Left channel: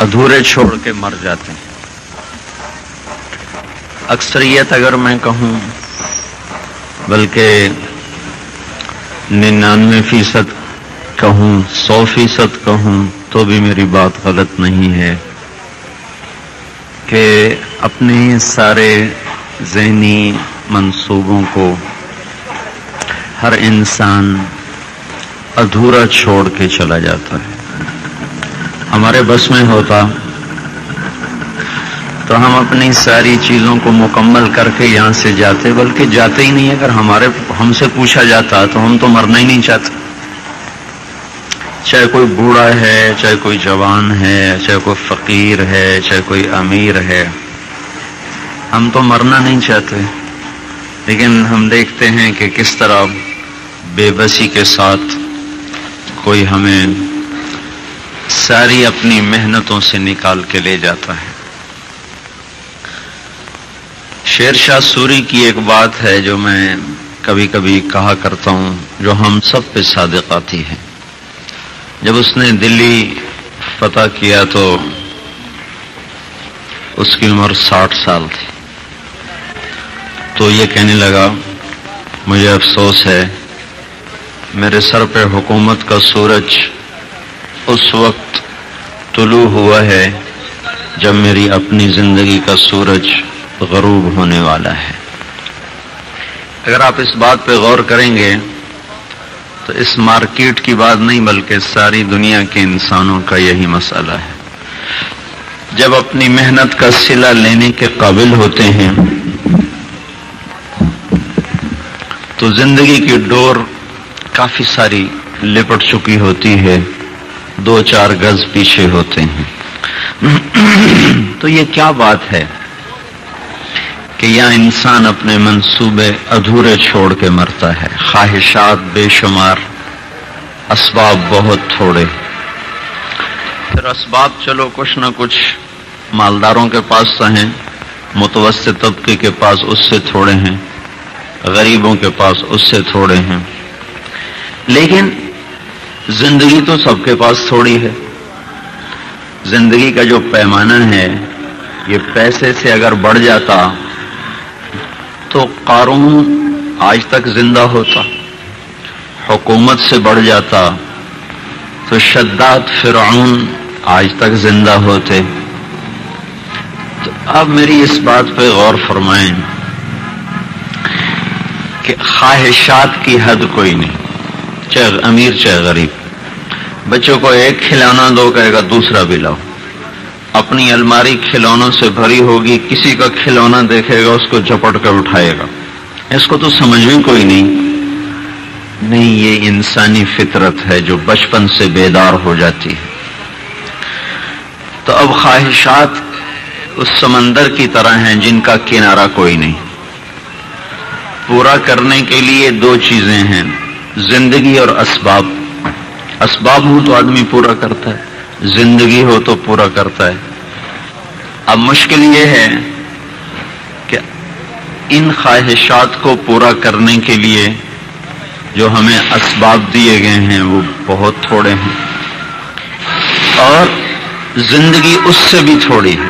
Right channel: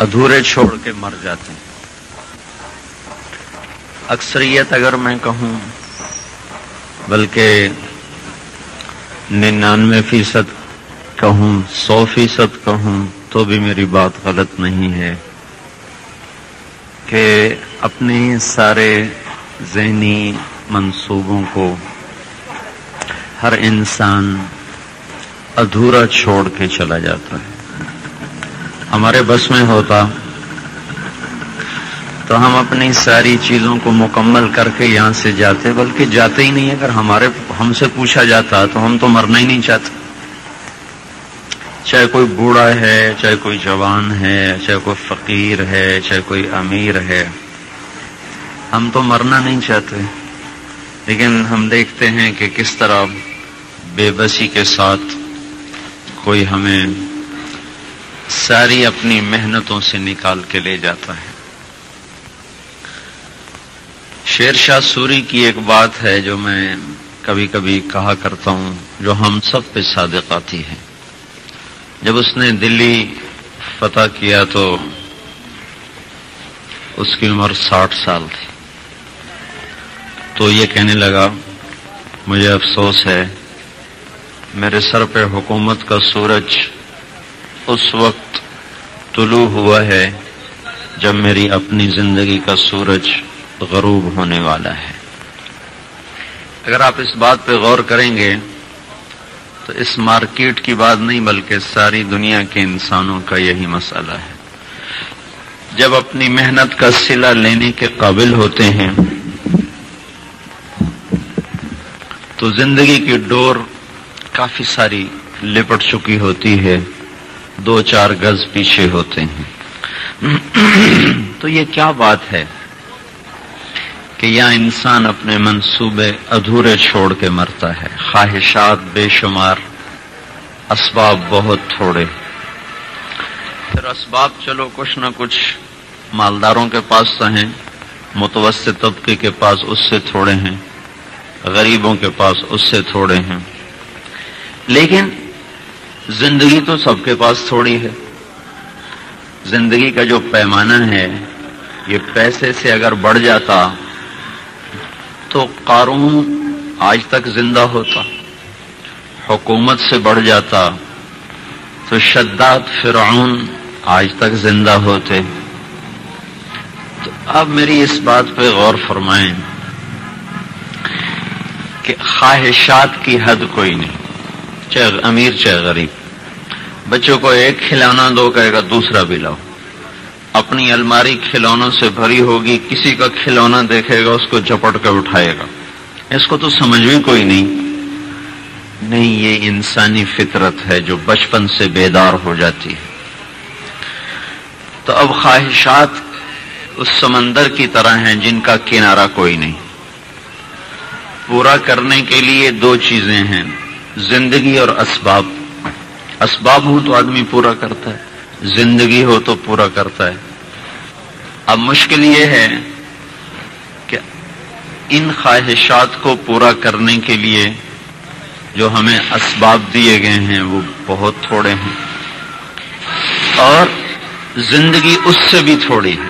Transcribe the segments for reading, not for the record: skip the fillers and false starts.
ادھورے چھوڑ کے مر جاتے ہیں. اکثریت اگر میں کہوں بلکہ 99% کہوں 100% کہوں تو بھی میری بات غلط نہیں ہے کہ اپنے سارے ذہنی منصوبوں کو ہر انسان ادھورا چھوڑ کے چلا جاتا ہے. ہمارے بس میں ہوتا تو ہم اپنی ساری چیزوں کو مکمل کر کے یہاں سے جاتے، بلکہ جاتے ہی نہیں. اگر ہم سے پوچھا جاتا تو ہم تو مرنا ہی نہیں چاہتے. چاہے کوئی بوڑھا ہے، چاہے کوئی جوان ہے، چاہے کوئی فقیر ہے، چاہے کوئی امیر ہے، ہم تو مرنا نہیں چاہتے. لیکن ہم دیکھتے ہیں کہ کس طرح بے بسی کے ساتھ کوئی ہمیں ساری اپنی محنتوں سے نکال کے لے جاتا ہے. شیر شاہ سوری کی ایک بات ہے جو میں کبھی کبھی کہا کرتا ہوں، جو ہم سب پہ صادق آتی ہے. جب اس نے دلی فتح کیا تو اس کی عمر 60 سال تھی. تو یہ کہنے لگا، مجھے افسوس ہے میرے سر پہ حکومت کا سورج اس وقت طلوع ہوا ہے جب میری اپنی زندگی کا سورج غروب ہونے والا ہے. اگر آپ اس بات پہ غور کریں گے تو اس مارکیٹ کی بات نہیں بلکہ ساری دنیا کے انسانوں کا یہی مسئلہ ہے. جب اپنی محنت کا صلہ لینے کے قابل ہوتے ہیں تو زندگی کی ڈور کافی ساری لپٹ چکی ہوتی ہے، 2-4 گز پیچھے ہوتے ہیں. تو یہ کیا بات ہے کہ یہاں انسان اپنے منصوبے ادھورے چھوڑ کے مرتا ہے. خواہشات بے شمار، اسباب بہت تھوڑے. پھر اسباب چلو کچھ نہ کچھ مالداروں کے پاس تو ہیں، متوسط طبقے کے پاس اس سے تھوڑے ہیں، غریبوں کے پاس اس سے تھوڑے ہیں. لیکن زندگی تو سب کے پاس تھوڑی ہے. زندگی کا جو پیمانہ ہے یہ پیسے سے اگر بڑھ جاتا تو قارون آج تک زندہ ہوتا، حکومت سے بڑھ جاتا تو شداد فرعون آج تک زندہ ہوتے. تو اب میری اس بات پہ غور فرمائیں کہ خواہشات کی حد کوئی نہیں، چاہے امیر چاہے غریب. بچوں کو ایک کھلونا دو، کہے گا دوسرا بھی لاؤ. اپنی الماری کھلونوں سے بھری ہوگی، کسی کا کھلونا دیکھے گا اس کو جھپٹ کر اٹھائے گا. اس کو تو سمجھ میں کوئی نہیں. یہ انسانی فطرت ہے جو بچپن سے بیدار ہو جاتی ہے. تو اب خواہشات اس سمندر کی طرح ہیں جن کا کنارہ کوئی نہیں. پورا کرنے کے لیے 2 چیزیں ہیں، زندگی اور اسباب. اسباب ہو تو آدمی پورا کرتا ہے، زندگی ہو تو پورا کرتا ہے. اب مشکل یہ ہے کہ ان خواہشات کو پورا کرنے کے لیے جو ہمیں اسباب دیے گئے ہیں وہ بہت تھوڑے ہیں، اور زندگی اس سے بھی تھوڑی ہے.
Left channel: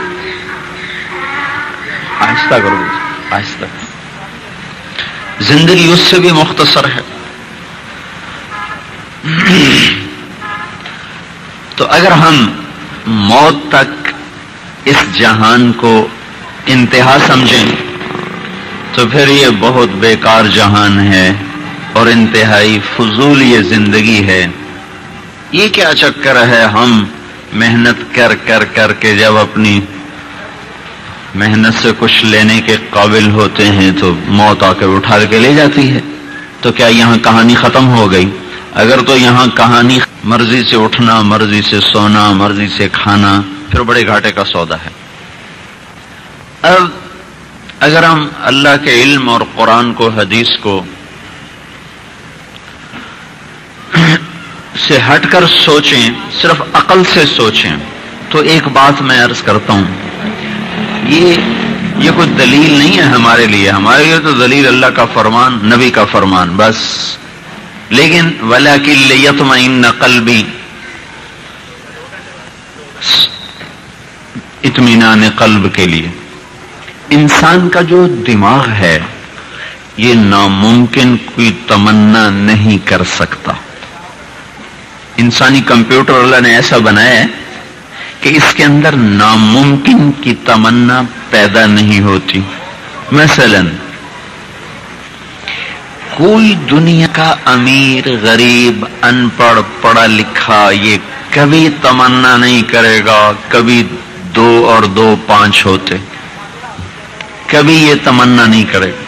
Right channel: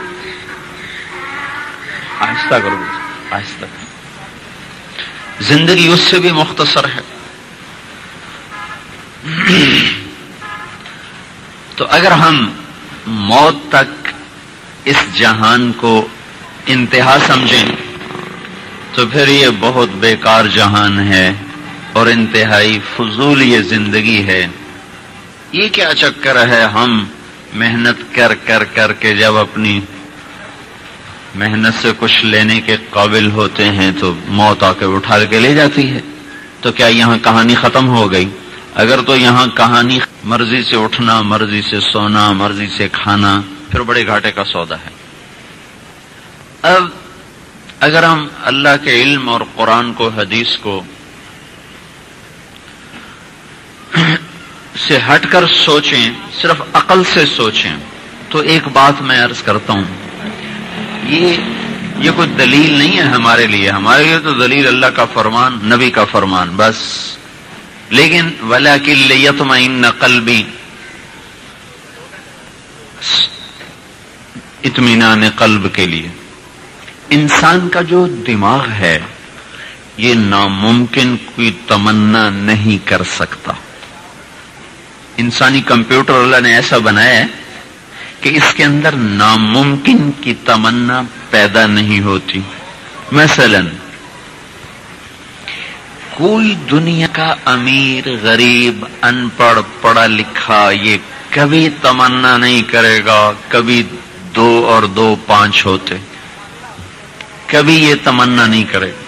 آہستہ کرو، آہستہ. زندگی اس سے بھی مختصر ہے. تو اگر ہم موت تک اس جہان کو انتہا سمجھیں تو پھر یہ بہت بیکار جہان ہے اور انتہائی فضول یہ زندگی ہے. یہ کیا چکر ہے ہم محنت کر کر کر کے جب اپنی محنت سے کچھ لینے کے قابل ہوتے ہیں تو موت آ کے اٹھا کے لے جاتی ہے. تو کیا یہاں کہانی ختم ہو گئی؟ اگر تو یہاں کہانی مرضی سے اٹھنا، مرضی سے سونا، مرضی سے کھانا، پھر بڑے گھاٹے کا سودا ہے. اب اگر ہم اللہ کے علم اور قرآن کو، حدیث کو سے ہٹ کر سوچیں، صرف عقل سے سوچیں، تو ایک بات میں عرض کرتا ہوں، یہ کوئی دلیل نہیں ہے ہمارے لیے. ہمارے لیے تو دلیل اللہ کا فرمان، نبی کا فرمان بس. لیکن وَلَكِنْ لِيَطْمَئِنَّ قَلْبِي، اطمینان قلب کے لیے. انسان کا جو دماغ ہے یہ ناممکن کی تمنا نہیں کر سکتا. انسانی کمپیوٹر اللہ نے ایسا بنایا ہے کہ اس کے اندر ناممکن کی تمنا پیدا نہیں ہوتی. مثلا کوئی دنیا کا امیر غریب ان پڑھ پڑھا لکھا یہ کبھی تمنا نہیں کرے گا کبھی 2 اور 2 5 ہوتے. کبھی یہ تمنا نہیں کرے گا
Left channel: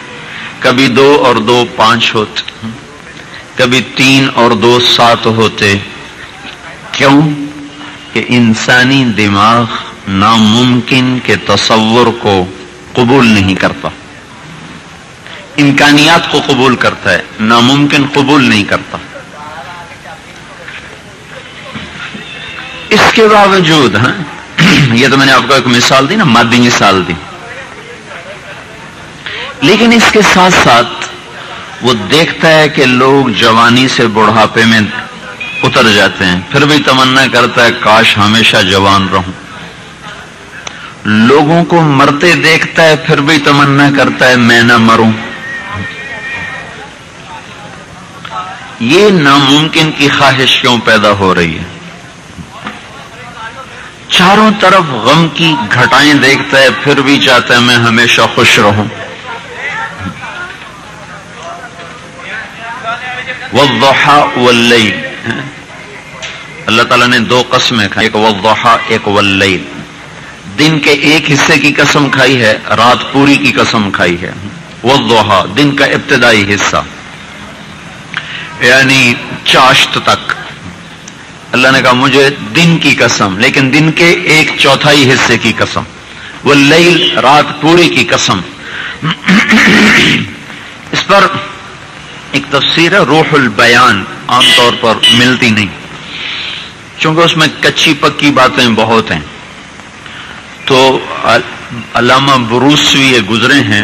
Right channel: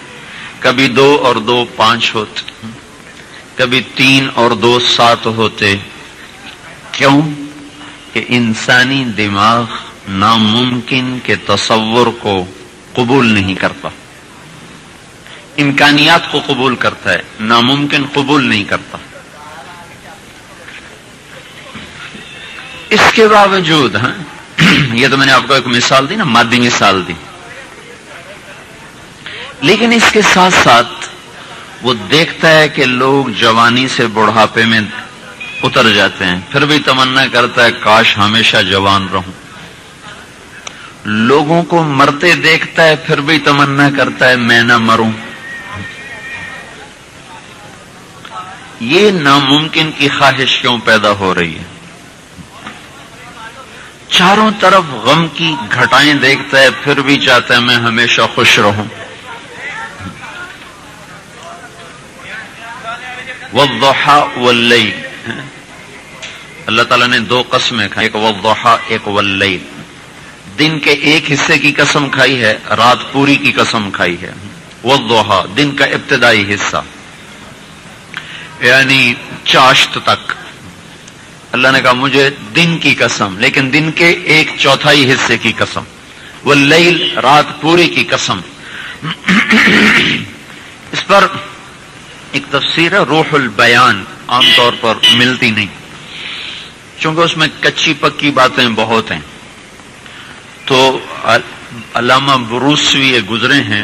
کبھی 2 اور 2 5 ہوتے, کبھی 3 اور 2 7 ہوتے. کیوں؟ کہ انسانی دماغ ناممکن کے تصور کو قبول نہیں کرتا. امکانیات کو قبول کرتا ہے, ناممکن قبول نہیں کرتا. اس کے باوجود یہ تو میں نے آپ کو ایک مثال دی نا, مادی مثال دی, لیکن اس کے ساتھ ساتھ وہ دیکھتا ہے کہ لوگ جوانی سے بڑھاپے میں اتر جاتے ہیں, پھر بھی تمنا کرتا ہے کاش ہمیشہ جوان رہوں. لوگوں کو مرتے دیکھتا ہے پھر بھی تمنا کرتا ہے میں نہ مروں. یہ ناممکن کی خواہش کیوں پیدا ہو رہی ہے؟ چاروں طرف غم کی گھٹائیں دیکھتا ہے پھر بھی چاہتا ہے میں ہمیشہ خوش رہوں. والضحى واللیل, اللہ تعالیٰ نے 2 قسمیں کھائی, ایک والضحى ایک واللیل. دن کے ایک حصے کی قسم کھائی ہے, رات پوری کی قسم کھائی ہے. والضحى دن کا ابتدائی حصہ یعنی چاشت تک. اللہ نے کہا مجھے دن کی قسم, لیکن دن کے 1/4 حصے کی قسم. واللیل رات پوری کی قسم. اس پر ایک تفسیر ہے روح البیان, عام طور پر ملتی نہیں چونکہ اس میں کچی پکی باتیں بہت ہیں. تو علامہ بروسوی گزرے ہیں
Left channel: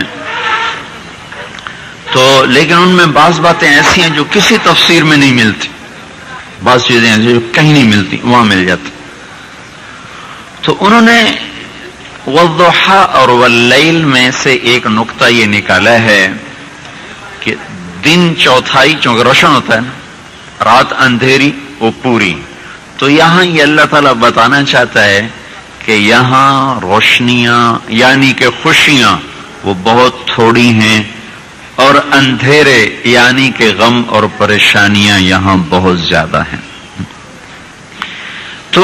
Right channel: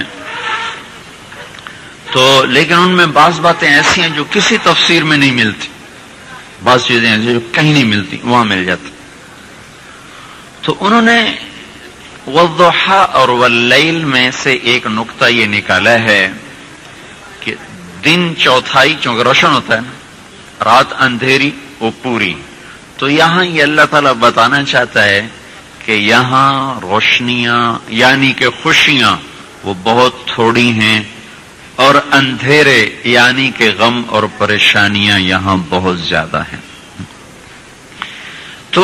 تو, لیکن ان میں بعض باتیں ایسی ہیں جو کسی تفسیر میں نہیں ملتی, بعض چیزیں ہیں جو کہیں نہیں ملتی وہاں مل جاتی. تو انہوں نے والضحى اور واللیل میں سے ایک نقطہ یہ نکالا ہے کہ دن چوتھائی چونکہ روشن ہوتا ہے نا, رات اندھیری وہ پوری. تو یہاں یہ اللہ تعالیٰ بتانا چاہتا ہے کہ یہاں روشنیاں یعنی کہ خوشیاں وہ بہت تھوڑی ہیں, اور اندھیرے یعنی کہ غم اور پریشانیاں یہاں بہت زیادہ ہیں. تو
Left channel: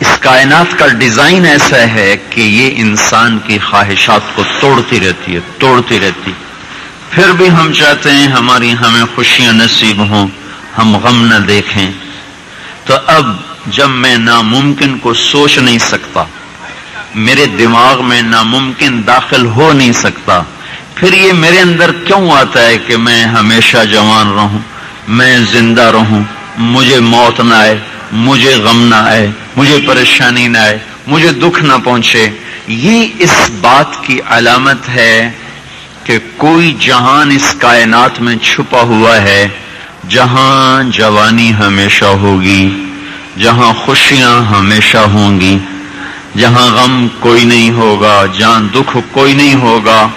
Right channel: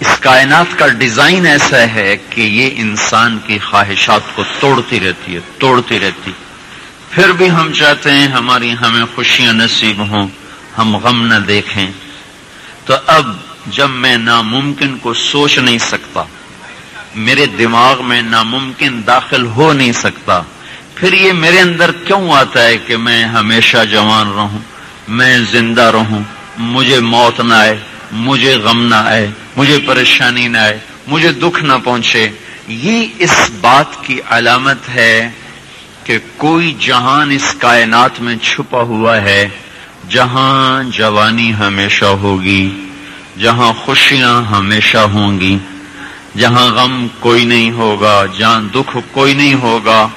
اس کائنات کا ڈیزائن ایسا ہے کہ یہ انسان کی خواہشات کو توڑتی رہتی. پھر بھی ہم چاہتے ہیں ہمیں خوشیاں نصیب ہوں, ہم غم نہ دیکھیں. تو اب جب میں ناممکن کو سوچ نہیں سکتا, میرے دماغ میں ناممکن داخل ہو نہیں سکتا, پھر یہ میرے اندر کیوں آتا ہے کہ میں ہمیشہ جوان رہوں, میں زندہ رہوں, مجھے موت نہ آئے, مجھے غم نہ آئے, مجھے پریشانی نہ آئے, مجھے دکھ نہ پہنچے. یہ اس بات کی علامت ہے کہ کوئی جہان اس کائنات میں چھپا ہوا ہے جہاں جوانی ہمیشہ ہوگی, جہاں خوشیاں ہمیشہ ہوں گی, جہاں غم کوئی نہیں ہوگا, جہاں دکھ کوئی نہیں ہوگا.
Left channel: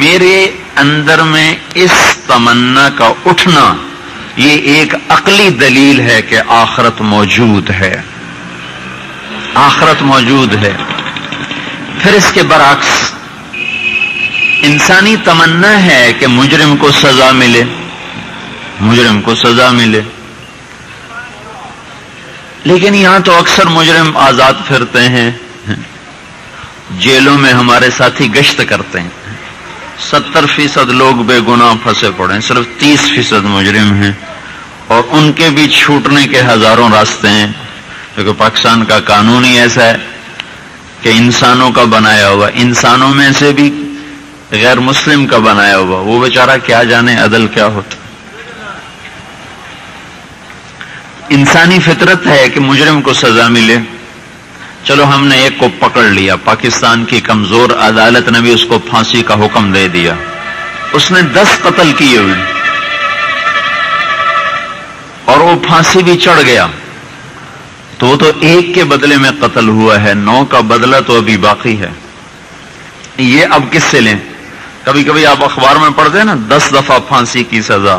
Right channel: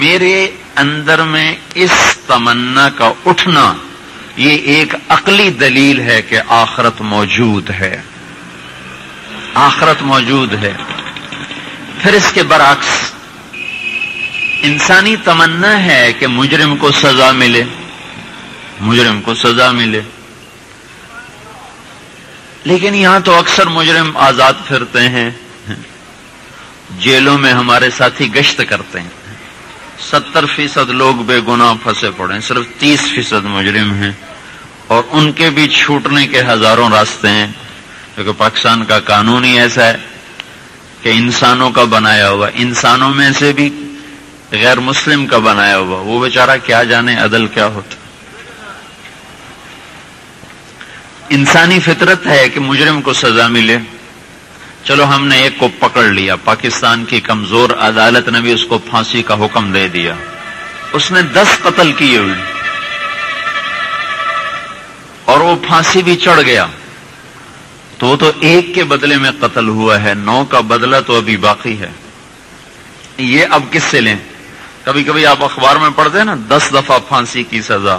میرے اندر میں اس تمنا کا اٹھنا یہ ایک عقلی دلیل ہے کہ آخرت موجود ہے, آخرت موجود ہے. پھر اس کے برعکس انسانی تمنا ہے کہ مجرم کو سزا ملے, مجرم کو سزا ملے. لیکن یہاں تو اکثر مجرم آزاد پھرتے ہیں, جیلوں میں ہمارے ساتھی گشت کرتے ہیں. 70% لوگ بے گناہ پھنسے پڑے ہیں, صرف 30% مجرم ہیں, اور ان کے بھی چھوٹنے کے ہزاروں راستے ہیں. کیونکہ پاکستان کا قانون ہی ایسا ہے کہ انسانوں کا بنایا ہوا, انسانوں میں سے بھی غیر مسلم کا بنایا ہوا, وہ بیچارہ کیا جانے عدل کیا ہوتا. انسانی فطرت ہے کہ مجرم کو سزا ملے. چلو ہم نے ایک کو پکڑ لیا, پاکستان کی کمزور عدالت نے بھی اس کو پھانسی کا حکم دے دیا, اس نے 10 قتل کیے ہوئے اور وہ پھانسی بھی چڑھ گیا. تو وہ تو ایک کے بدلے میں قتل ہوا ہے، 9 کا بدلہ تو ابھی باقی ہے. یہ اب کس سے لیں؟ کبھی کبھی آپ اخبار میں پڑھتے ہیں نا 10 دفعہ پھانسی کی سزا،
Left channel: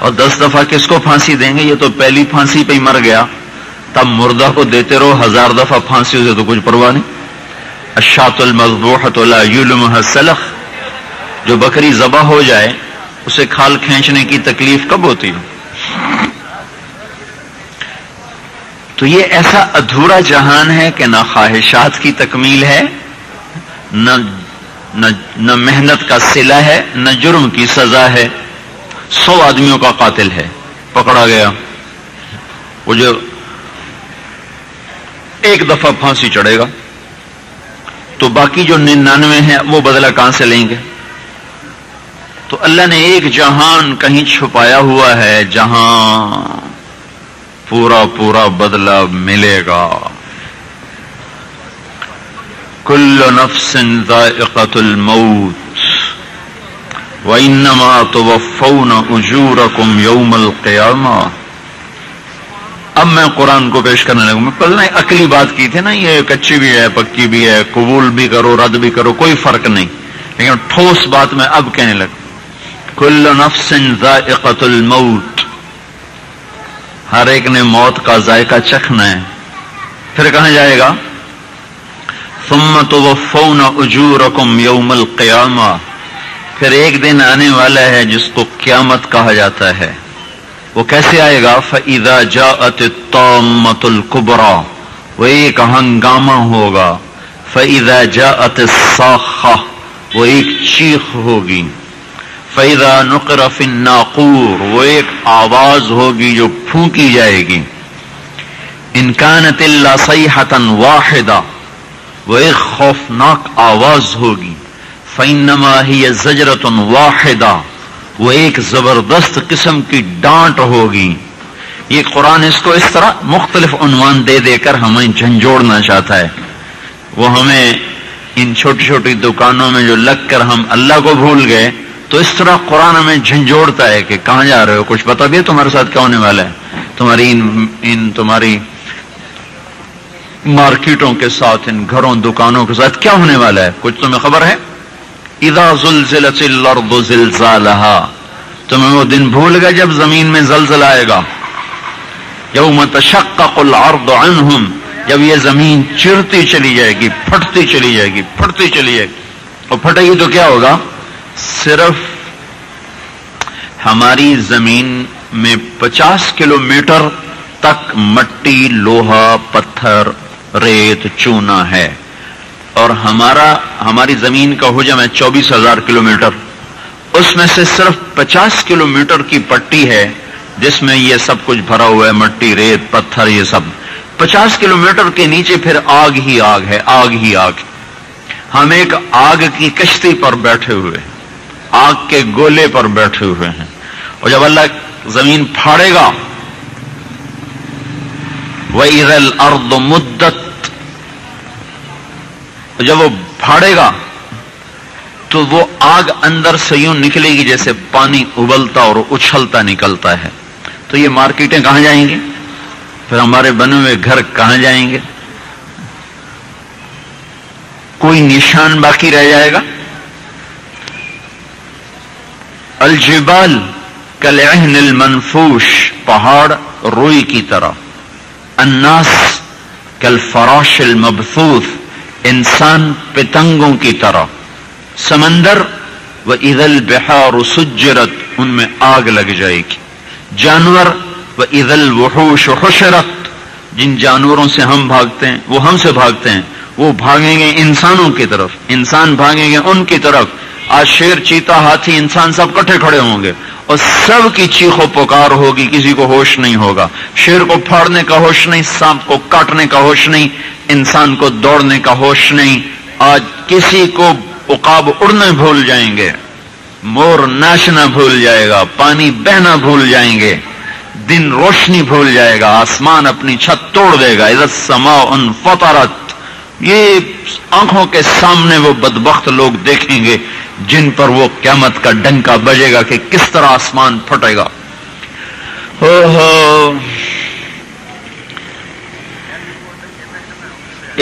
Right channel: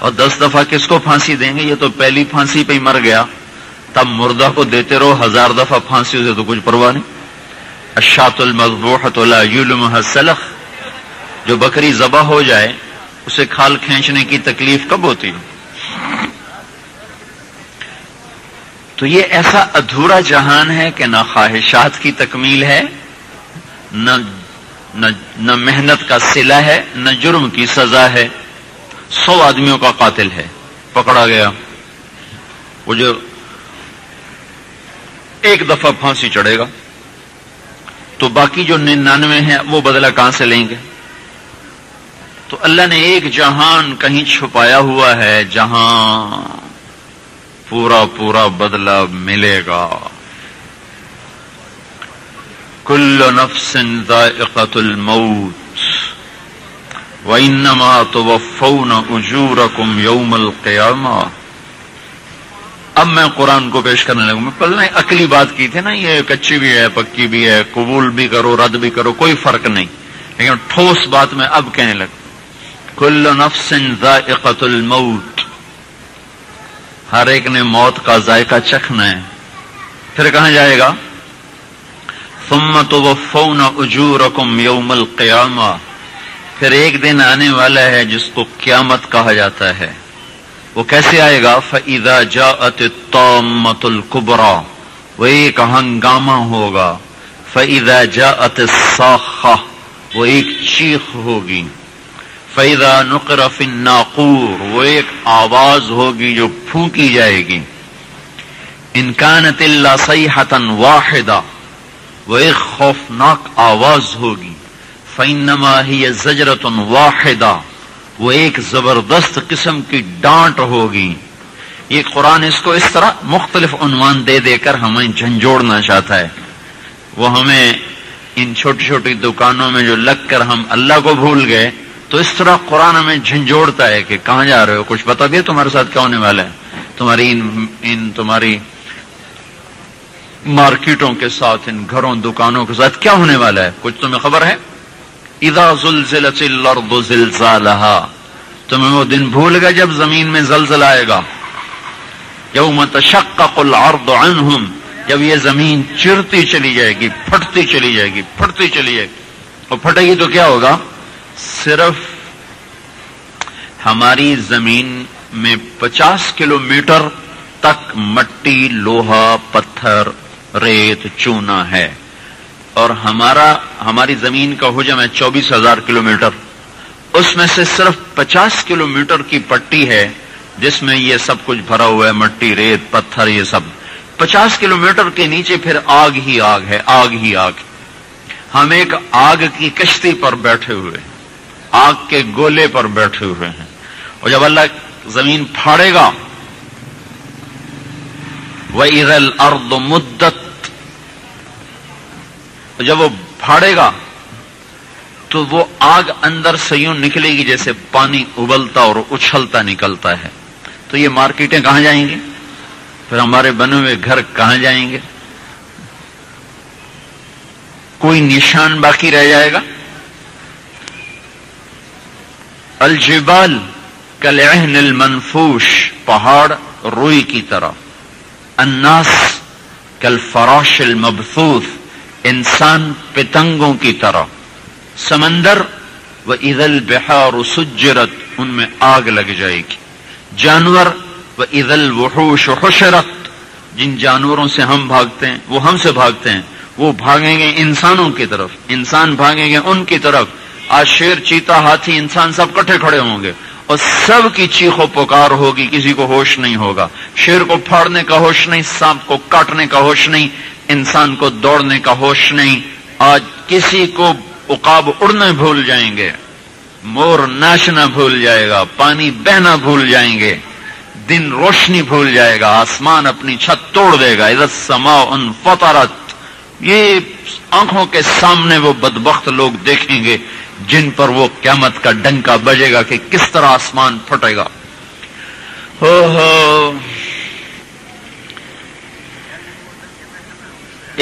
اور 10 دفعہ کس کو پھانسی دیں گے؟ یہ تو پہلی پھانسی پہ ہی مر گیا، تب مردہ کو دیتے رہو 1000 دفعہ پھانسی، اسے تو کچھ پرواہ نہیں. الشاۃ المذبوحۃ لا یلمها السلخ، جو بکری ذبح ہو جائے اسے کھال کھینچنے کی تکلیف کب ہوتی ہے؟ تو یہ ایسا ادھورا جہان ہے کہ نہ خواہشات کی تکمیل ہے، نہ محنت کا صلہ ہے، نہ جرم کی سزا ہے. 100 آدمیوں کا قاتل ہے، پکڑا گیا، وہ جو ایک دفعہ پھانسی چڑھے گا تو باقی جو 99 ہیں وہ بدلہ کہاں سے لیں گے؟ تو اللہ نے ایک جہان کہیں چھپایا ہوا ہے جہاں پورا بدلہ ملے گا. کل نفس ذائقۃ الموت وانما توفون اجورکم یوم القیامہ. اب میں قرآن کو پیش کرنے لگوں. میں پہلے عقلی بات کی تھی نا، یہ کچی بھی ہے پکی بھی ہے، قبول بھی کرو رد بھی کرو، کوئی فرق نہیں، لیکن ٹھوس بات میں اب کہنے لگا. کل نفس ذائقۃ الموت، ہر ایک نے موت کا ذائقہ چکھنا ہے. پھر کہاں جائے گا؟ ثم توفون اجورکم یوم القیامہ. پھر ایک دن آنے والا ہے جس کو قیامت کہا جاتا ہے. وہ کیسے آئے گا؟ فَإِذَا جَاءَتِ الطَّامَّةُ الْكُبْرَى، وہ ایک ہنگامہ ہوگا. فَإِذَا جَاءَتِ الصَّاخَّةُ، وہ ایک چیخ ہوگی. فَإِذَا نُقِرَ فِي النَّاقُورِ، وہ ایک آواز ہوگی جو پھونکی جائے گی. إِن كَانَتِ إِلَّا صَيْحَةً وَاحِدَةً، وہ ایک خوفناک آواز ہوگی. فَإِنَّمَا هِيَ زَجْرَةٌ وَاحِدَةٌ، وہ ایک زبردست قسم کی ڈانٹ ہوگی. یہ قرآن اس کو اس طرح مختلف عنوان دے دے کر ہمیں جھنجھوڑنا چاہتا ہے. وہ ہمیں ان چھوٹی چھوٹی دکانوں میں جو لگ کر ہم اللہ کو بھول گئے، تو اس طرح قرآن ہمیں جھنجھوڑتا ہے کہ کہاں جا رہے ہو، کچھ بتا دیا تمہارے ساتھ کیا ہونے والا ہے، تمہاری مارکیٹوں کے ساتھ، ان گھروں دکانوں کے ساتھ کیا ہونے والا ہے، کچھ تمہیں خبر ہے؟ اذا زلزلت الارض زلزالها، تمہیں وہ دن بھول گئے جب زمین میں زلزلہ آئے گا. یوم تشقق الارض عنہم، جب یہ زمین چرتی چلی جائے گی، پھٹتی چلی جائے گی، پھٹتی چلی جائے گی. اور پھٹے گی تو کیا ہوگا؟ صرف ہماری زمین میں 50 کلومیٹر تک مٹی، لوہا، پتھر، ریت، چونا ہے، اور ہماری زمین کا حجم ہے 24,000 کلومیٹر. اس میں سے صرف 50 کلومیٹر کی پٹی ہے جس میں یہ سب کچھ بھرا ہوا ہے، مٹی، ریت، پتھر، یہ سب. 50 کلومیٹر کے نیچے پھر آگ ہی آگ ہے، آگ ہی آگ. ہم ایک آگ کی کشتی پر بیٹھے ہوئے، آگ کے گولے پر بیٹھے ہوئے ہیں. اور جب اللہ زمین پھاڑے گا، وَإِذَا الْأَرْضُ مُدَّتْ، جب وہ پھاڑے گا تو وہ آگ اندر سے یوں نکلے گی جیسے پانی ابلتا اور اچھلتا نکلتا ہے. تو یہ مارکیٹیں کہاں جائیں گی؟ پھر ہمارے بنے ہوئے گھر کہاں جائیں گے؟ کوئی نشان باقی رہ جائے گا؟ الجبال کالعہن المنفوش، پہاڑ روئی کی طرح. الناس کالفراش المبثوث، انسان پتنگوں کی طرح. سمندر وَإِذَا الْبِحَارُ سُجِّرَتْ، ان میں آگ لگ جائے گی. جانور وَإِذَا الْوُحُوشُ حُشِرَتْ، جن جانوروں سے ہم بھاگتے ہیں، وہ ہم سے بھاگتے ہیں، وہ بھاگیں گے انسانوں کی طرف، انسان بھاگیں گے ان کی طرف. آج شیر، چیتا، ہاتھی، انسان سب کٹھے کھڑے ہوں گے اور سب کی چیخ و پکار ہوگی، کسی کو ہوش نہیں ہوگا. شیر کو پھاڑنے کا ہوش نہیں، سانپ کو کاٹنے کا ہوش نہیں، انسان کو دوڑنے کا ہوش نہیں. آج کسی کو عقاب اڑنے بھول جائیں گے، مور ناچنا بھول جائے گا، پانی بہنا بھول جائیں گے، دن روشنی بھول جائے گا، آسمان اپنی چھت توڑ دے گا. اذا السماء انفطرت، یہ آنکھوں کے سامنے وہ بدبخت لوگ دیکھیں گے جن پر وہ قیامت کا ڈنکا بجے گا کہ کس طرح آسمان پھٹے گا.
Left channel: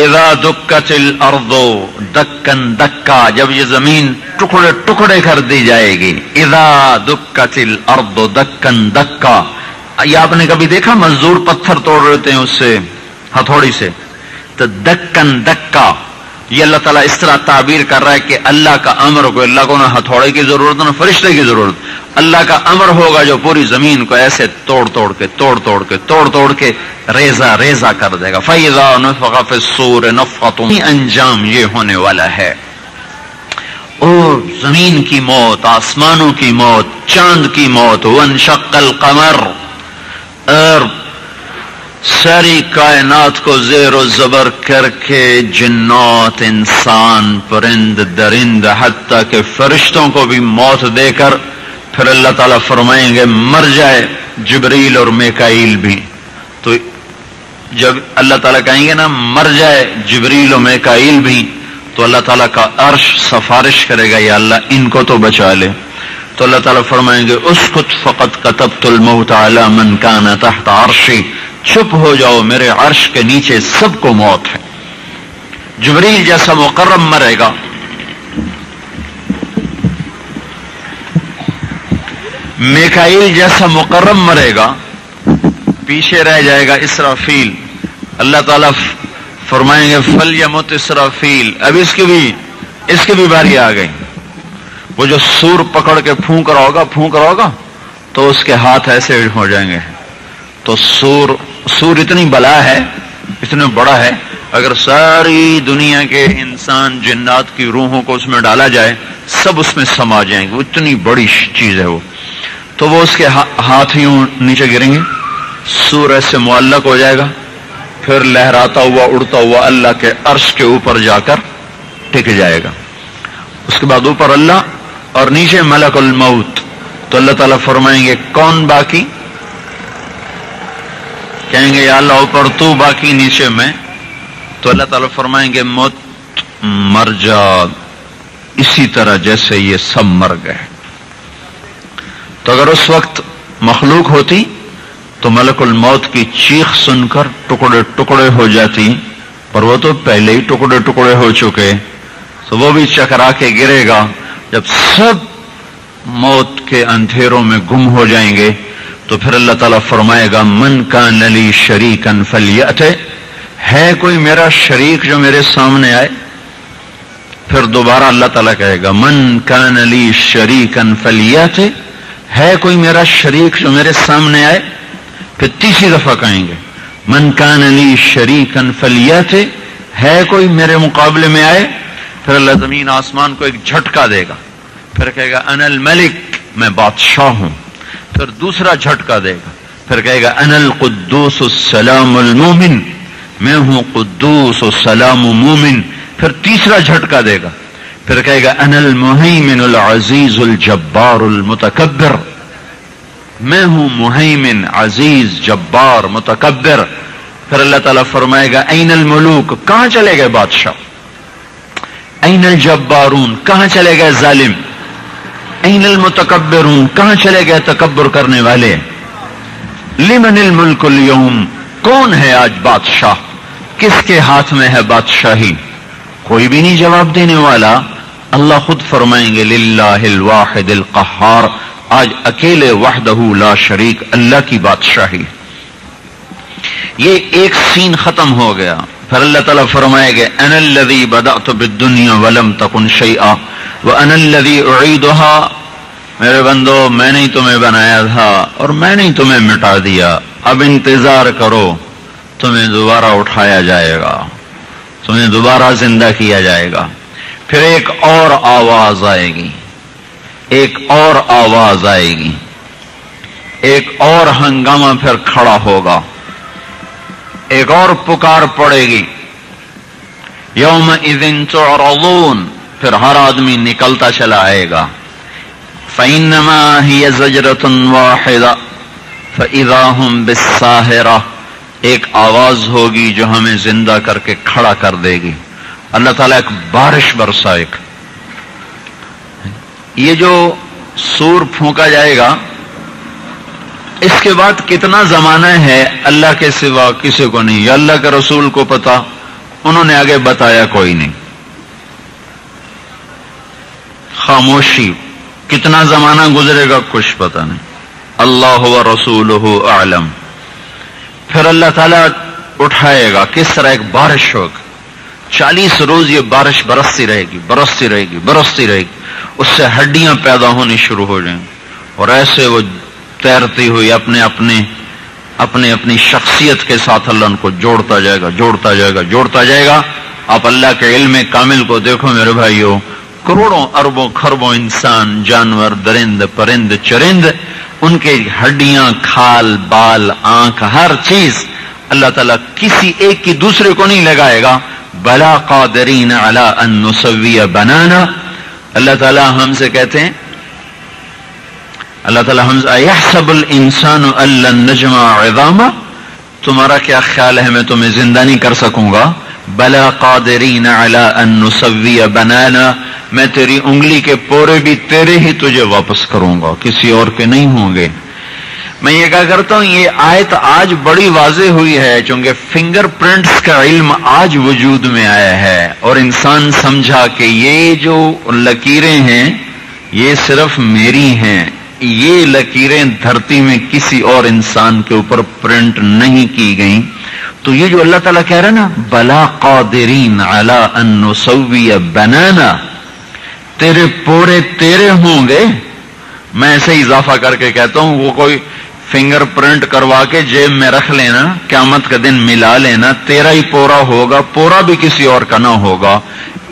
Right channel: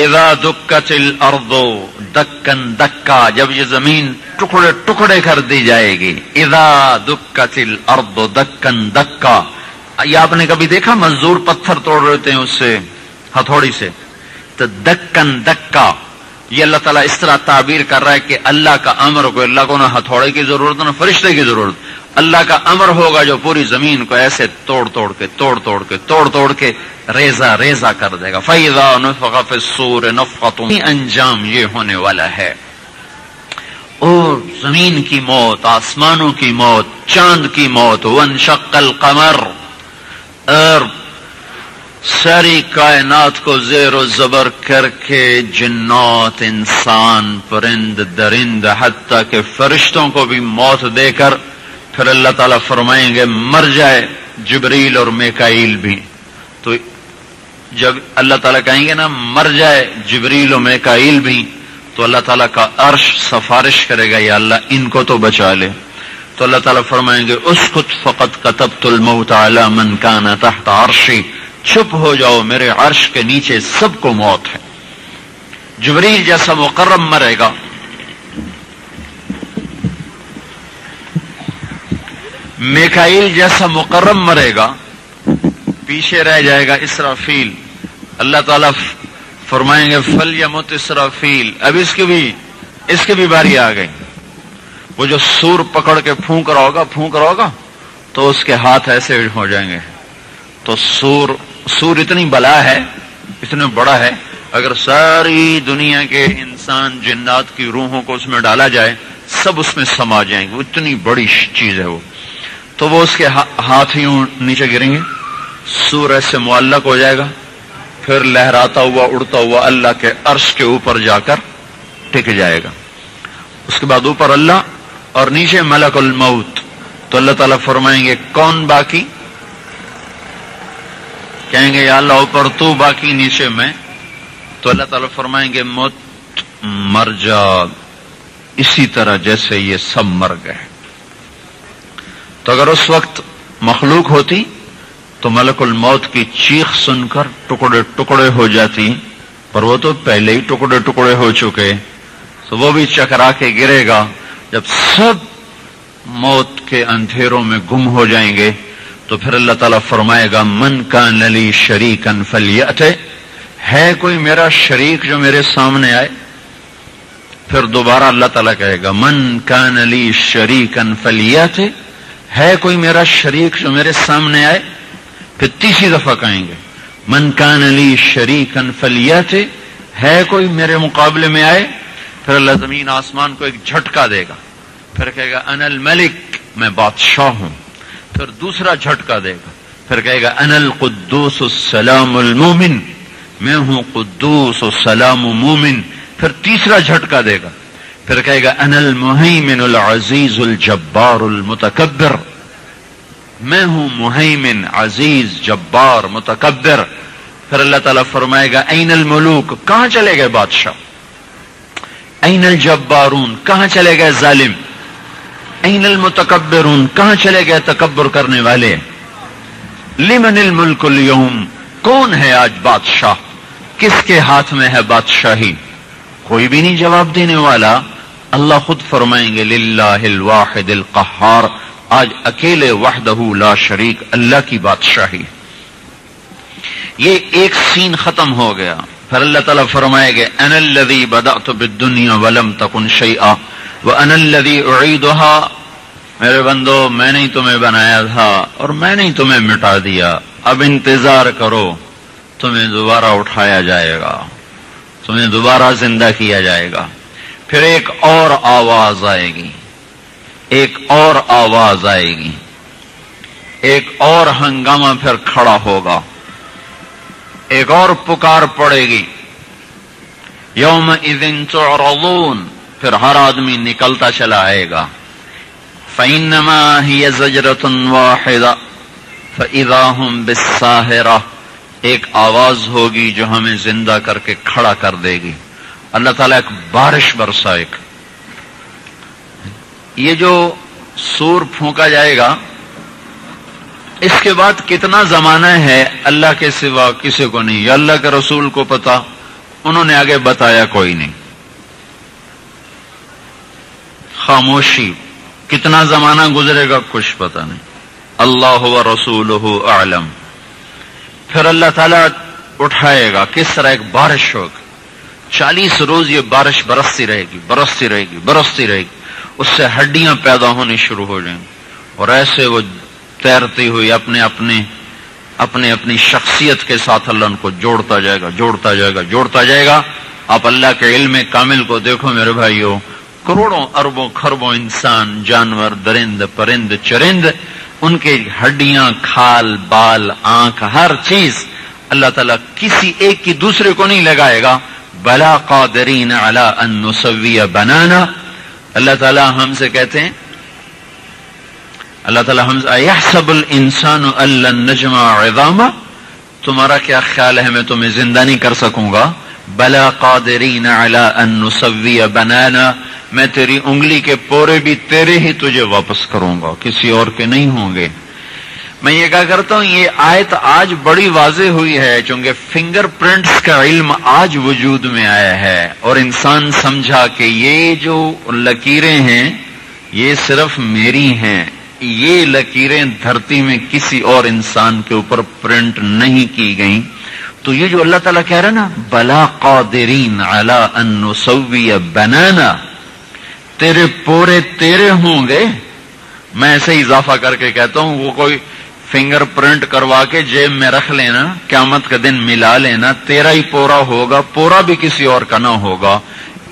اذا دکت الارض دکن دکا، جب یہ زمین ٹکڑے ٹکڑے کر دی جائے گی. اذا دکت الارض دکن دکا. یہ آپ نے کبھی دیکھا مزدور پتھر توڑ رہتے ہیں اس سے ہتھوڑی سے؟ تو دکن دکا، یہ اللہ تعالیٰ اس طرح تعبیر کر رہا ہے کہ اللہ کا امر کو، اللہ کو نہ ہتھوڑے کی ضرورت نہ فرشتے کی ضرورت، اللہ کا امر ہوگا جو پوری زمین کو ایسے توڑ توڑ کے ریزہ ریزہ کر دے گا. فَإِذَا نُفِخَ فِي الصُّورِ نَفْخَةٌ، انجام یہ ہونے والا ہے. اور زمین کی موت، آسمانوں کی موت، چاند کی موت. وَانشَقَّ الْقَمَرُ، اور ساری کائنات کو زیر و زبر کر کے جنات، انسان، پرند درند، حتیٰ کہ فرشتوں کو بھی موت دے کر پھر اللہ تعالیٰ فرمائیں گے مر جائے جبریل اور میکائیل بھی. تو جب اللہ تعالیٰ کہیں گے نا مر جائے جبریل و میکائیل بھی، تو اللہ تعالیٰ کا عرش سفارش کرے گا یا اللہ ان کو تو بچا لے. تو اللہ تعالیٰ فرمائیں گے اسکت فقط کتبت الموت علی من کان تحت عرشی، چپ ہو جاؤ میرے عرش کے نیچے سب کو موت ہے. جبریل جیسا مقرب مرے گا، میکائیل جیسا مقرب مرے گا، پیچھے رہ جائے گا اسرافیل. اللہ تعالیٰ فرمائیں گے فلیمت اسرافیل. اب اس کی بھی باری آ گئی. وہ جو سور پکڑ کے پھونک رہا ہوگا تو اس کے ہاتھ ایسے ہو جائیں گے. تو سور اتنی بلا ہے، اتنا بڑا ہے، اگر ساری دنیا کے انسان جنات کی روحوں کو اس میں ڈالا جائے سب اس میں سما جائیں گے. وہ اتنی بڑی چیز ہے وہ. تو وہ اس کے ہاتھ یوں نیچے گریں گے، سور ایسے معلق ہو جائے گا، پھر لہراتا ہوا اڑتا ہوا اللہ کے عرش کے اوپر جا کر ٹک جائے گا. اس کے بعد اوپر اللہ اور نیچے ملک الموت. تو اللہ تعالیٰ فرمائیں گے کون باقی؟ کہیں گے یا اللہ اوپر تو باقی، نیچے میں. تو اللہ تعالیٰ فرمائیں گے موت مر جا اسی طرح جیسے یہ سب مر گئے. تو اگر اس وقت مخلوق ہوتی تو ملک الموت کی چیخ سن کر ٹکڑے ٹکڑے ہو جاتی، پر وہ تو پہلے ہی ٹکڑے ٹکڑے ہو چکے. تو وہ بھی چکرا کے گرے گا. جب سب موت کے اندھیروں میں گم ہو جائیں گے تو پھر اللہ تعالیٰ فرمائے گا من کان لی شریکا فلیأت، ہے کوئی میرا شریک جو میرے سامنے آئے. پھر دوبارہ اللہ تعالیٰ کہے گا من کان لی شریکا فلیأت، ہے کوئی میرا شریک جو میرے سامنے آئے. پھر تیسری دفعہ کہیں گے من کان لی شریکا فلیأت، ہے کوئی میرے مقابلے میں آئے. پھر اللہ زمین آسمان کو ایک جھٹکا دے گا، پھر کہے گا انا الملک، میں بادشاہ ہوں. پھر دوسرا جھٹکا دے گا، پھر کہے گا انا القدوس السلام المومن، میں ہوں قدوس و سلام و مومن. پھر تیسرا جھٹکا دے گا، پھر کہے گا انا المہیمن العزیز الجبار المتکبر، میں ہوں مہیمن عزیز جبار متکبر. پھر اللہ تعالیٰ فرمائے گا این الملوک، کہاں چلے گئے بادشاہ؟ این الجبارون، کہاں چلے گئے ظالم؟ این المتکبرون، کہاں چلے گئے تکبر کرنے والے؟ لمن الملک اليوم، کون ہے آج بادشاہ؟ کس کے ہاتھ میں ہے بادشاہی؟ کوئی بھی نہیں جواب دینے والا. اللہ خود فرمائیں گے للہ الواحد القہار، آج اکیلے وحدہ لا شریک اللہ کی بادشاہی. یہ ایک سین ختم ہو گیا. پھر اللہ تعالیٰ فرمائے گے انا الذی بدأت بالدنیا ولم تکن شیئا وانا الذی اعیدها، میرے بندو میں نے تمہیں بنایا تھا اور میں نے تمہیں مٹا دیا. اب انتظار کرو، تمہیں دوبارہ اٹھایا جائے گا، تمہیں دوبارہ زندہ کیا جائے گا. پھر ایک اور آواز آئے گی، ایک اور آواز آئے گی، ایک اور ہنگامہ پھر کھڑا ہوگا، ایک اور پکار پڑے گی یومئذ تعرضون. پھر ہر آدمی نکلتا چلا آئے گا. فإنما هي زجرة واحدة فإذا هم بالساهرة، ایک آواز ہوگی جو ہمیں زندہ کر کے کھڑا کر دے گی. اللہ تعالیٰ ایک بارش برسائے گا. یہ جو سور پھونکا جائے گا اس کے بعد کتنا زمانہ ہے اللہ کے سوا کسی کو نہیں. یا اللہ کے رسول کو پتا انہوں نے آگے بتایا کوئی نہیں. خاموشی. کتنا زمانہ گزرے گا کچھ پتہ نہیں. اللہ و رسولہ اعلم. پھر اللہ تعالیٰ اٹھائے گا. کس طرح؟ ایک بارش ہوگی. 40 روز یہ بارش برستی رہے گی، برستی رہے گی، برستی رہے گی. اس سے ہڈیاں پیدا ہونی شروع ہو جائیں گی، اور ایسے وہ تیرتی ہوئی اپنی شخصیت کے ساتھ اللہ ان کو جوڑتا جائے گا، جوڑتا جائے گا، جوڑتا جائے گا. آپ اللہ کے علم کامل کو دیکھو میرے بھائیو. کروڑوں اربوں خربوں انسان، جانور، درند، پرند، چرند، ان کے ہڈیاں، کھال، بال، آنکھ، ہر چیز اللہ تعالیٰ کسی ایک کی دوسرے کو نہیں لگائے گا. بلا قادرین علی ان نسوی بنانا. اللہ تعالیٰ ہم سے کہتے ہیں، اللہ تعالیٰ ہم سے ایحسب الانسان ان لن نجمع عظاما. تمہارا کیا خیال ہے میں تمہیں زندہ نہیں کر سکوں گا؟ بلا قادرین علی ان نسوی بنانا. میں تیری انگلی کے پورے بھی تیرے ہی تجھے واپس کروں گا، کسی اور کے نہیں ہوں گے. میں یہ کہا کرتا ہوں، یہ آیت آج بڑی واضح ہوئی ہے چونکہ فنگر پرنٹس کا علم آج وجود میں آیا ہے، اور انسان سمجھا کہ یہ جو لکیریں ہیں یہ صرف میری ہیں. یہ لکیریں دھرتی میں کسی اور انسان کے اوپر پرنٹ نہیں کی گئیں. تو یہ جو اللہ تعالیٰ کہہ رہا ہے نا، بلا قادرین علی ان نسوی بنانا، تیرے پورے تیرے ہوں گے. میں ایسے اضافہ کر کے کہتا ہوں، وہ کوئی فنگر پرنٹ کروا کے جیب میں رکھ لینا، قیامت کا دن ملا لینا، تیرا ہی پورا ہوگا، پورا بھی کسی اور کا نہ ہوگا.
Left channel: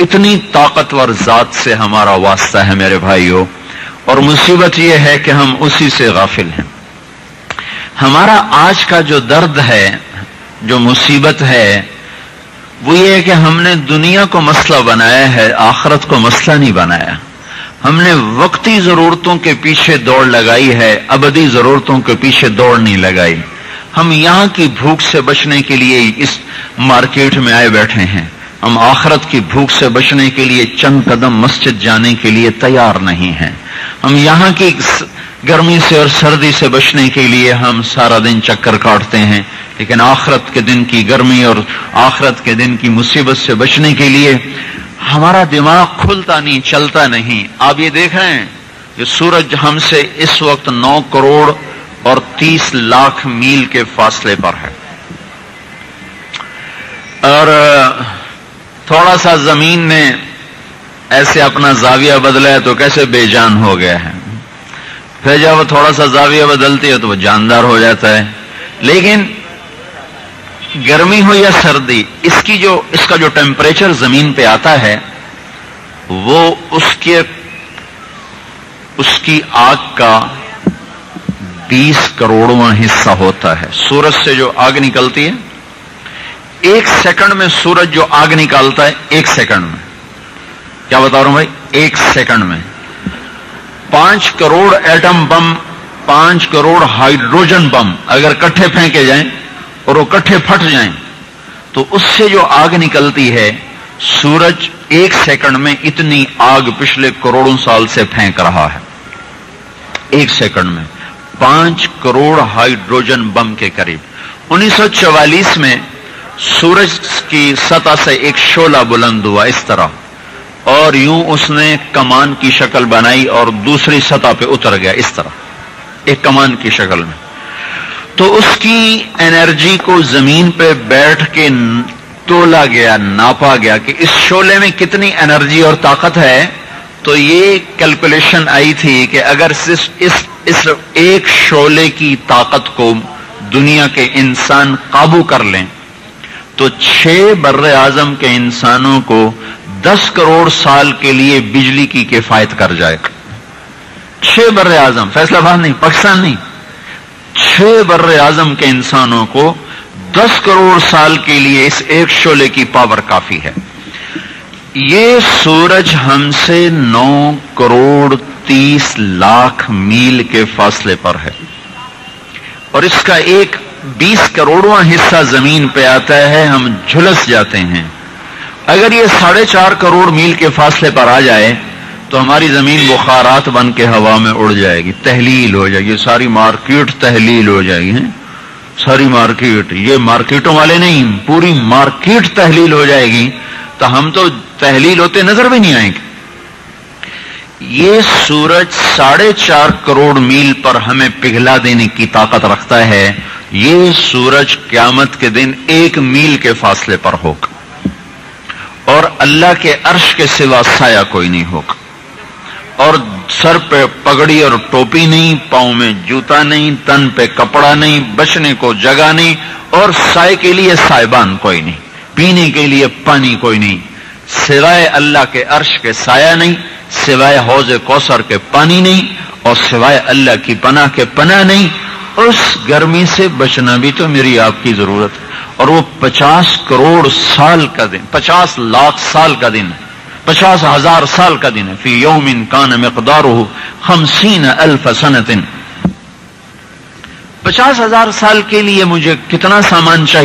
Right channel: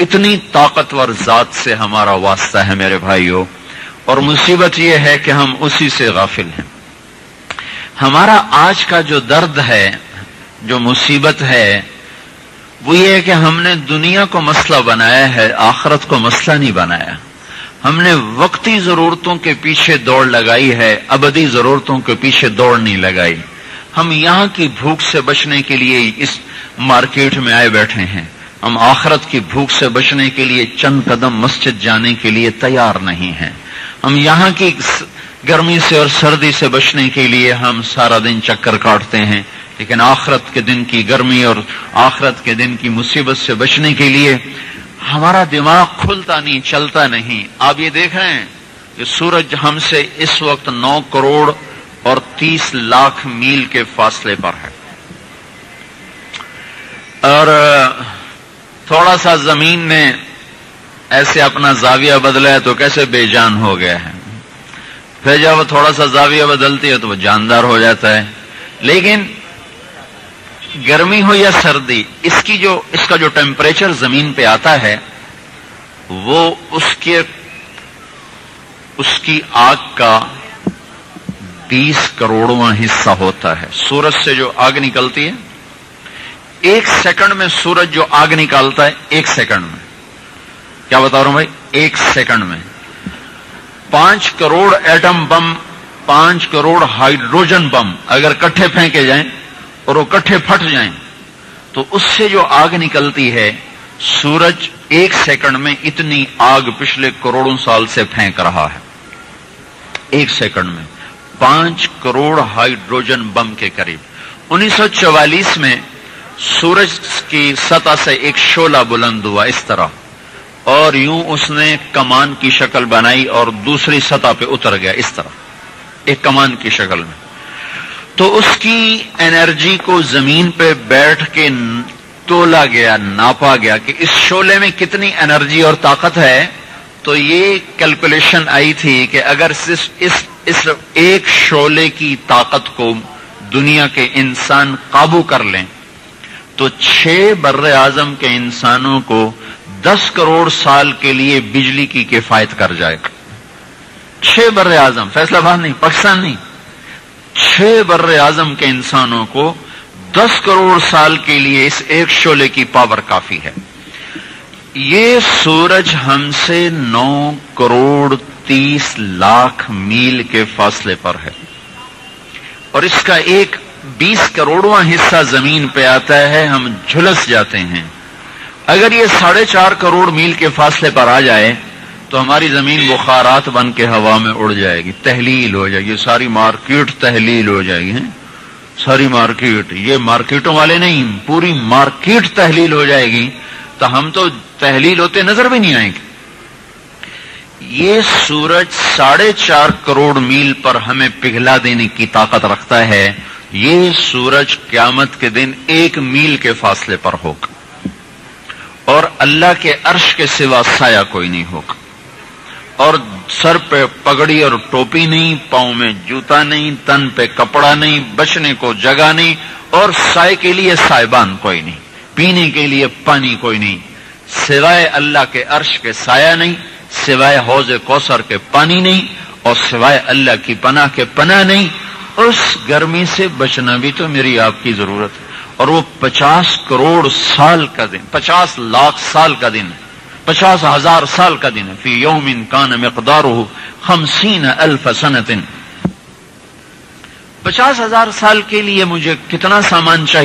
اتنی طاقتور ذات سے ہمارا واسطہ ہے میرے بھائیو. اور مصیبت یہ ہے کہ ہم اسی سے غافل ہیں. ہمارا آج کا جو درد ہے، جو مصیبت ہے، وہ یہ ہے کہ ہم نے دنیا کو مسئلہ بنایا ہے، آخرت کو مسئلہ نہیں بنایا. ہم نے وقتی ضرورتوں کے پیچھے دوڑ لگائی ہے، ابدی ضرورتوں کے پیچھے دوڑ نہیں لگائی. ہم یہاں کی بھوک سے بچنے کے لیے اس مارکیٹ میں آئے بیٹھے ہیں. ہم آخرت کی بھوک سے بچنے کے لیے چند قدم مسجد جانے کے لیے تیار نہیں ہیں. ہم یہاں کی گرمی سے اور سردی سے بچنے کے لیے ہم سارا دن چکر کاٹتے ہیں، لیکن آخرت کے دن کی گرمی اور آخرت کے دن کی مصیبت سے بچنے کے لیے ہمارا دماغ کھلتا نہیں، چلتا نہیں. آپ یہ دیکھ رہے ہیں کہ سورج ہم سے اس وقت 9 کروڑ اور 30 لاکھ میل کے فاصلے پر ہے، اور تھوڑا سا زمین نے ایسے اپنا زاویہ بدلا ہے تو کیسے بے جان ہو گیا ہے. پھر جب وہ تھوڑا سا زاویہ بدلتی ہے تو وہ جاندار ہو جاتا ہے. لیکن گرمی ہو یا سردی، اس کا جو ٹیمپریچر زمین پہ آتا ہے وہ اس کی آگ کا 20 کروڑواں حصہ ہوتا ہے. سورج سے جو آگ نکلتی ہے، 1 سیکنڈ میں سورج جو آگ نکالتا ہے، 1 سیکنڈ میں، کیا بتا رہا ہوں بھائی، 1 سیکنڈ میں 5 crore atom bomb, 5 crore hydrogen bomb اگر کٹھے پھینکے جائیں اور وہ کٹھے پھٹ جائیں تو اس سے جو آگ نکلتی ہے، سورج 1 سیکنڈ میں اتنی آگ پچھلے کروڑوں سال سے پھینک رہا ہے. 1 سیکنڈ میں 5 کروڑ ہائیڈروجن بم کے قریب. 1944 میں سورج کی سطح سے ایک شعلہ بلند ہوا اس طرح، اور یوں اس نے کمان کی شکل بنائی اور دوسری سطح پہ اتر گیا اس طرح، ایک کمان کی شکل میں. تو اس کی انرجی کو زمین پہ بیٹھ کے تولا گیا، ناپا گیا کہ اس شعلے میں کتنی انرجی اور طاقت ہے. تو یہ کیلکولیشن آئی تھی کہ اگر اس ایک شعلے کی طاقت کو دنیا کے انسان قابو کر لیں تو 6 بر اعظم کے انسانوں کو 10 کروڑ سال کے لیے بجلی کی کفایت کر جائے. 6 بر اعظم، فیصلہ آباد نہیں، پاکستان نہیں، 6 بر اعظم کے انسانوں کو 10 کروڑ سال کے لیے اس ایک شعلے کی پاور کافی ہے. یہ سورج ہم سے 9 کروڑ 30 لاکھ میل کے فاصلے پر ہے، اور اس کا ایک 20 کروڑواں حصہ زمین پہ آتا ہے. ہم جھلس جاتے ہیں. اگر یہ 4.5 کروڑ میل کے فاصلے پر آ جائے تو ہماری زمین بخارات بن کے ہوا میں اڑ جائے گی، تحلیل ہو جائے گی، ساری مارکیٹ تحلیل ہو جائے گی. ساری مارکیٹ، یہ مارکیٹوں والے نہیں، پوری مارکیٹ تحلیل ہو جائے گی تو ہم تو تحلیل ہوتے نظر بھی نہیں آئیں گے۔ یہ سورج 4.5 کروڑ میل پر ہمیں پگھلا دینے کی طاقت رکھتا ہے۔ یہ سورج قیامت کے دن 1 میل کے فاصلے پر ہوگا، اور اللہ کے عرش کے سوا سایہ کوئی نہیں ہوگا، اور سر پہ پگڑی اور ٹوپی نہیں، پاؤں میں جوتا نہیں، تن پہ کپڑا نہیں، بچنے کو جگہ نہیں، اور سائے کے لیے سائبان کوئی نہیں، پینے کے لیے پانی کوئی نہیں، سوائے اللہ کے عرش کے سایہ نہیں، سوائے حوض کوثر کے پانی نہیں، اور سوائے اللہ کی پناہ کے پناہ نہیں۔ اس گرمی سے بچنا بھی تو میری آپ کی ضرورت ہے، اور وہ 50 کروڑ سال کا دن، 50 لاکھ سال کا دن، 50,000 سال کا دن ہے۔ فی یوم کان مقدارہ 50,000 سنۃ۔ 50,000 سال کے لیے مجھے کتنا سامان چاہیے؟